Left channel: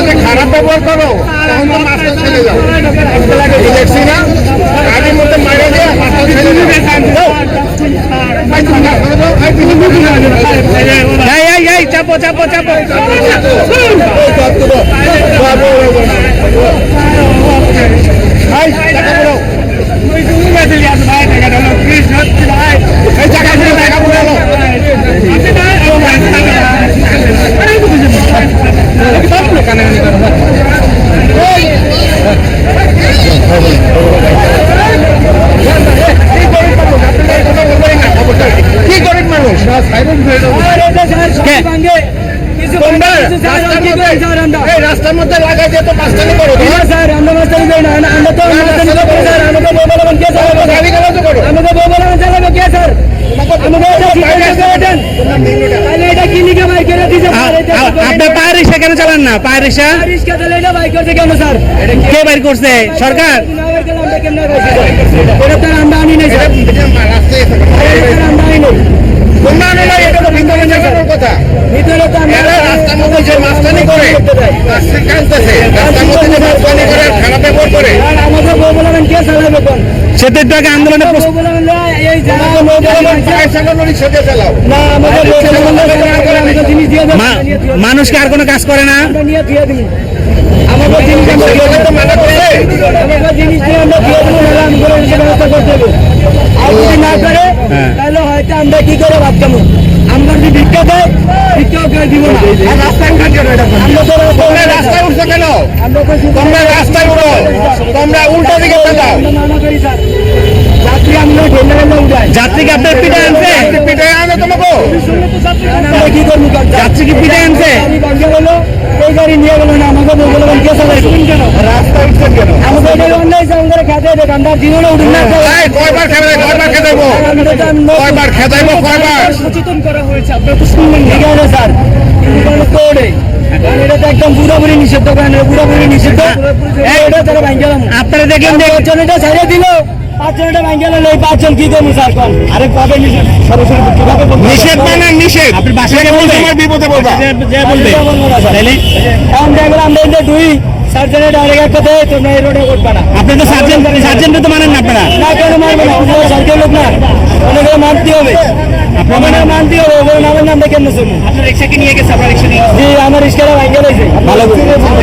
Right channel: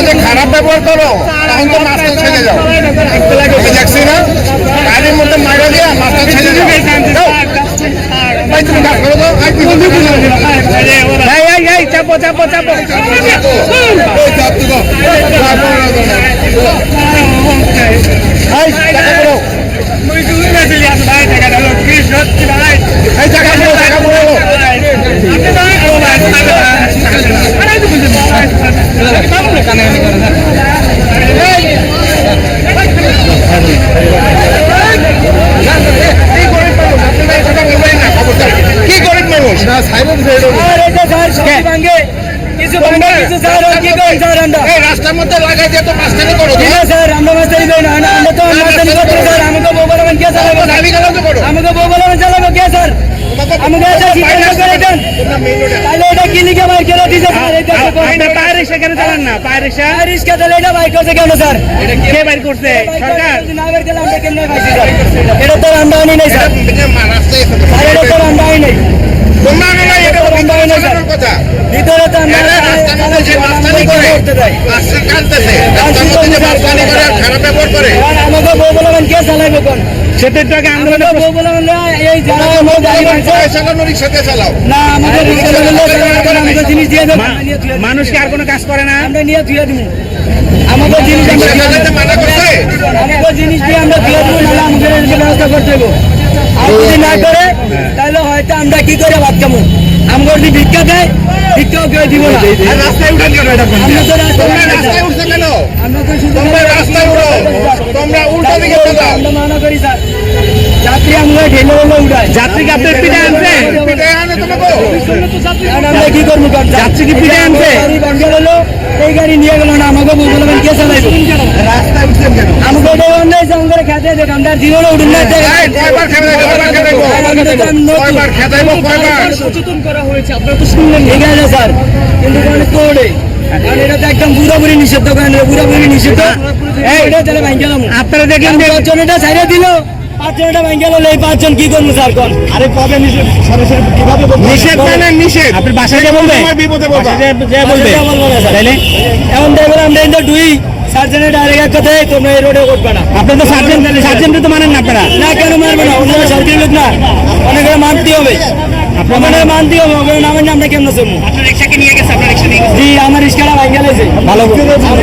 যে খারাপ ব্যবহার করো তখন তো মাস্টার ছেড়ে যাও দেখছি না গাড়ির মধ্যে মেরে দিয়ে মাস্টার ছেড়ে যাও চাপো চাপো চাপো সব তুলো। সব এই, টাকা দাও। এই টাকা দাও, টাকা দাও। কি গরিব মানুষ? আপনারা এই কথা বলবেন না, খবরদার। কি গরিব মানুষ কিছু ভাঙ্গে কিছু স্যার আর কি করি স্যার আমরা এই রাস্তার মধ্যে লাগাই দিয়ে তো পাঁচ টাকা করো স্যার আমরা না আমরা তো বলবেন কে স্যার? আমাকে বলবেন স্যার? আমাকে কি স্যার? সরকার? এটা তো আমরা আনি স্যার। আমরা আনি না, কথা। ভিতরে তো আমরা করে আর কোন টাকা আন্দোলনে আর কাজ করে না। আমাদের জিনিস আমরা রিক্সা চালাতে মানা করছে? আমাদের জিনিস দিয়ে আমরা ধুয়ে দিব নাহলে আমাদের এর ব্যবস্থা করতে হবে আর যদি না করে তাহলে হয়তো আমরা কি করে ভাত খাব? আমরা যদি ভিক্ষা দেয় ভিক্ষাও কেউ দিব না। আর রাস্তায় উঠেন কেন? আমরা তো রাস্তায় উঠছে কেন? আমরা তো শুধু রাস্তায় উঠো। তোমরা উল্টো দিকে আমরা মানা করি স্যার। যাত্রী আমরা ঢেলে ঢেলে উঠাই যাত্রীকে আপনার পিঠে আনছে? পিটায় আনে তোমাকে? আমরা কি করব? যাত্রী কি পিঠে আনছে? গাড়ি এই গাড়ি নিয়ে গেল না আমাকে বলবেন কে চালাইবো? রাস্তায় উঠছেন কেন? আমাকে অন্যায় যে খেতে দেখ আমরা জীবনে উঠুন না আমি তো জানি না। কয়বার খেদাইবো, কয়বার? ঠিক আছে স্যার কিন্তু মানে কারণ এটা তো একদম পুরোপুরি নিষিদ্ধ কারণ এটা পুরোপুরি নিষিদ্ধ। এই এটা তাহলে ভাঙ আপনারা দেখলেন যে পাঁচজন এটা ছাড়িয়ে দিল। পাঁচজন এটা ভাঙ গেল এই পাঁচজন কি করব স্যার কোন? আরে কবে নিষেধ। মানে নিষেধ। আপনার বাসায় যে বলবে বিপদে বলবা। যে বলব। না স্যার। তাইলে? এখন দেখলাম আমরা এটা ডুই সার্জনে ডাইরেক্ট এক কথায় তোমরা এই রোডে উঠবে না। আপনি তো সার্জেন্ট সার্জেন্ট তো মানেন না আপনারা। না কেন মারবে না? অন্য সরকারি লোক না। অনেকে মানতে হবে। আপনার মানতে হবে ওগুলো না কেমন শুনব আপনার রিক্সা কি নিয়ে গেছে আপনার রিক্সা নিয়ে জি আমার রিস্কাটা ভাই গেলাইছে ভালো ভালো